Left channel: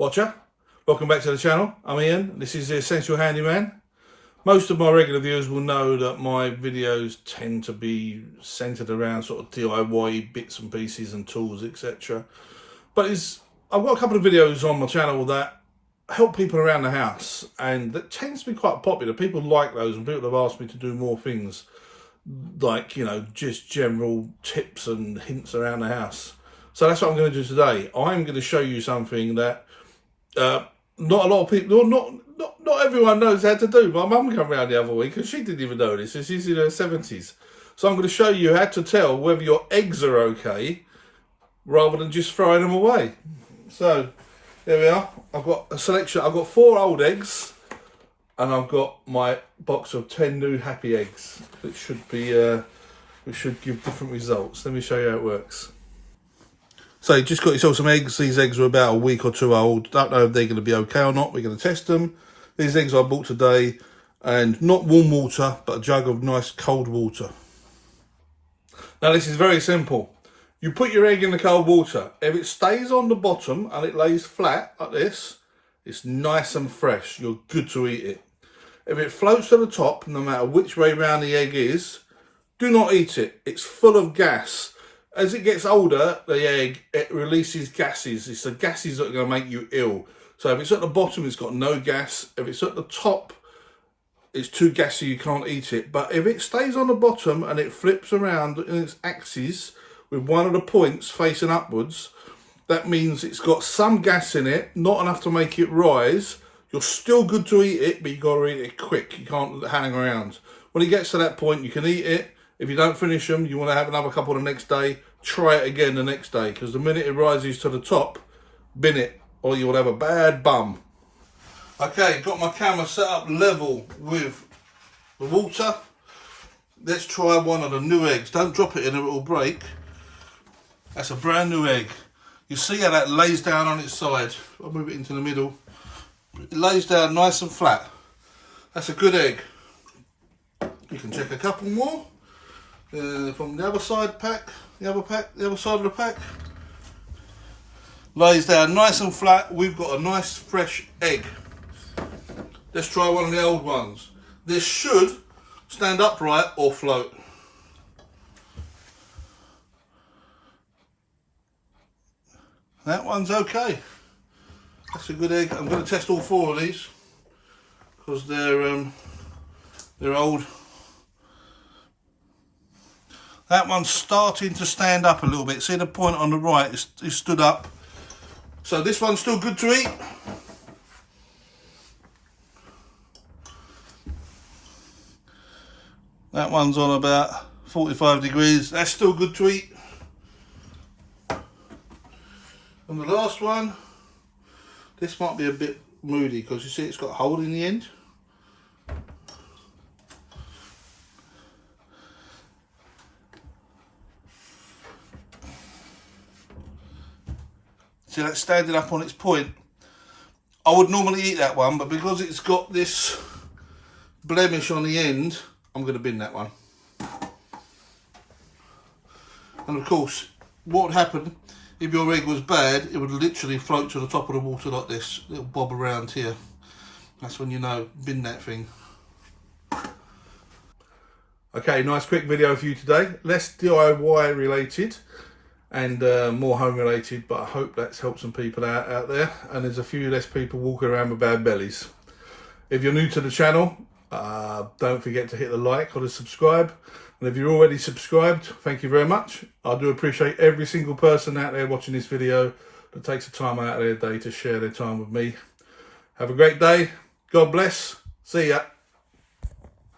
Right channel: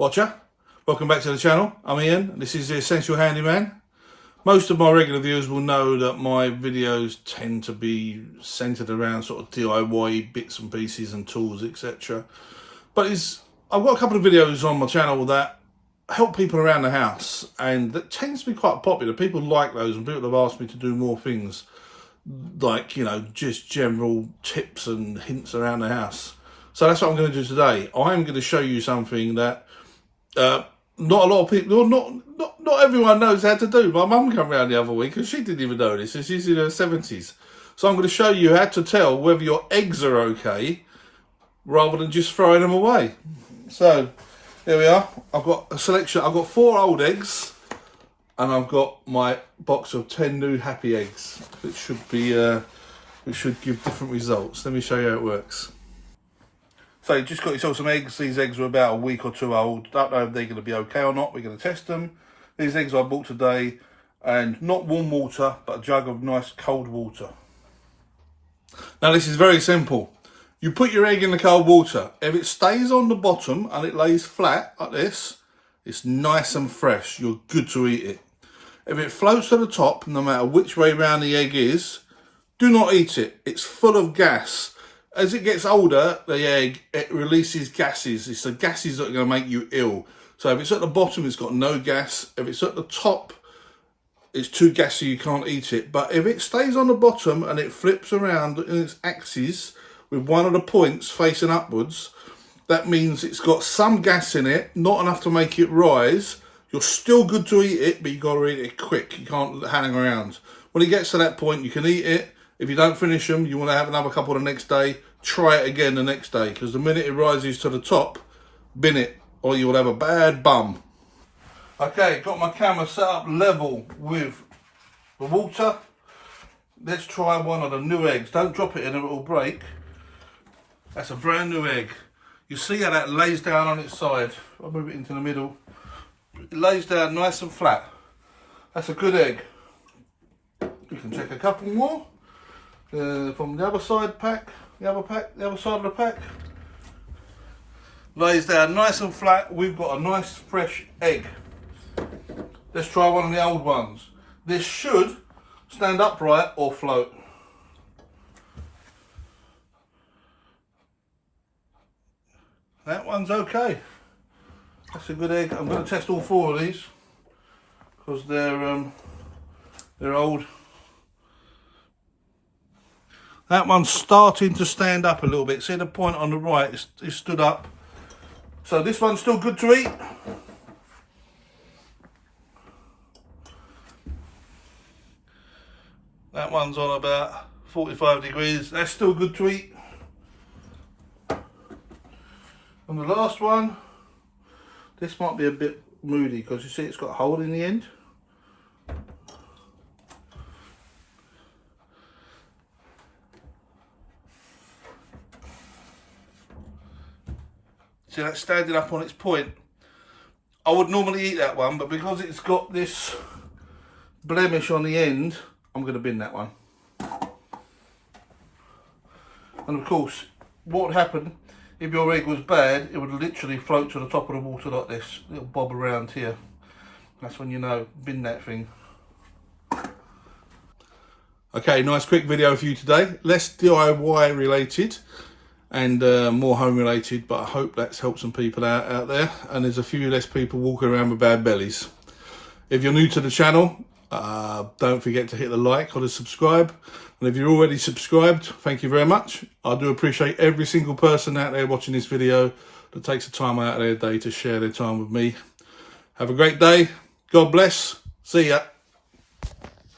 watcher. Welcome back to the channel. I'm Ian. This is the Essential Handyman. Most of my regular viewers will know that my videos tend to be centered around sort of DIY bits and pieces and tools, etc. But I've got a couple of videos on my channel that help people around the house, and that tends to be quite popular. People like those, and people have asked me to do more things like, you know, just general tips and hints around the house. So that's what I'm going to do today. I'm going to show you something that not a lot of people, not everyone knows how to do. My mum came round the other week and she didn't even know this, and she's in her 70s. So I'm going to show you how to tell whether your eggs are okay rather than just throwing them away. So here we are. I've got a selection. I've got 4 old eggs, and I've got my box of 10 new happy eggs, which should be which should give different results. Let me show you how it works. So you just got yourself some eggs. These eggs are about a week or 2 old. Don't know if they're going to be okay or not. We're going to test them. These eggs I bought today, and not warm water, but a jug of nice cold water. Now this is very simple. You put your egg in the cold water. If it stays on the bottom and it lays flat like this, it's nice and fresh. You're good to eat it. If it floats to the top, no matter which way round the egg is, do not eat it. It's full of gas. As it gets older, the egg, it releases gases. It's the gases that are going to make you ill. So if it's at the bottom, it's got no gas. If it's at the top, it's too gassy, you can't eat it. But if it stays on the bottom and it flips around in its axis with one of the points facing upwards, that means it's got some gas in it, not enough to make it rise. You're still good to eat it, but you've got to eat it quick. You can't hang around. When it gets to that point, you can eat it. If you don't finish them, you want to have another couple the next day, try it again the next day, because the minute it rises to the top, bin it, or you will have a bad bum. Okay, got my camera set up level with the water. Let's try one of the new eggs. Don't drop it in or it will break. That's a brand new egg. You see how that lays down on its side. I'll move it into the middle. It lays down nice and flat. That's a good egg. You can check a couple more. From the other side pack, the other side of the pack. Lays down nice and flat. We've got a nice fresh egg. Let's try one of the old ones. This should stand upright or float. That one's okay. That's a good egg. I'm going to test all 4 of these because they're old. That one's starting to stand up a little bit. See the point on the right is stood up. So this one's still good to eat. That one's on about 45 degrees. That's still good to eat. And the last one, this might be a bit moody because you see it's got a hole in the end. See, that's standing up on its point. I would normally eat that one, but because it's got this blemish on the end, I'm going to bin that one. And of course, what would happen if your egg was bad, it would literally float to the top of the water like this. It'll bob around here. That's when you know, bin that thing. Okay, nice quick video for you today. Less DIY related and more home related, but I hope that's helped some people out there, and there's a few less people walking around with bad bellies. If you're new to the channel, don't forget to hit the like or the subscribe, and if you're already subscribed, thank you very much. I do appreciate every single person out there watching this video that takes the time out of their day to share their time with me. Have a great day. God bless. See ya.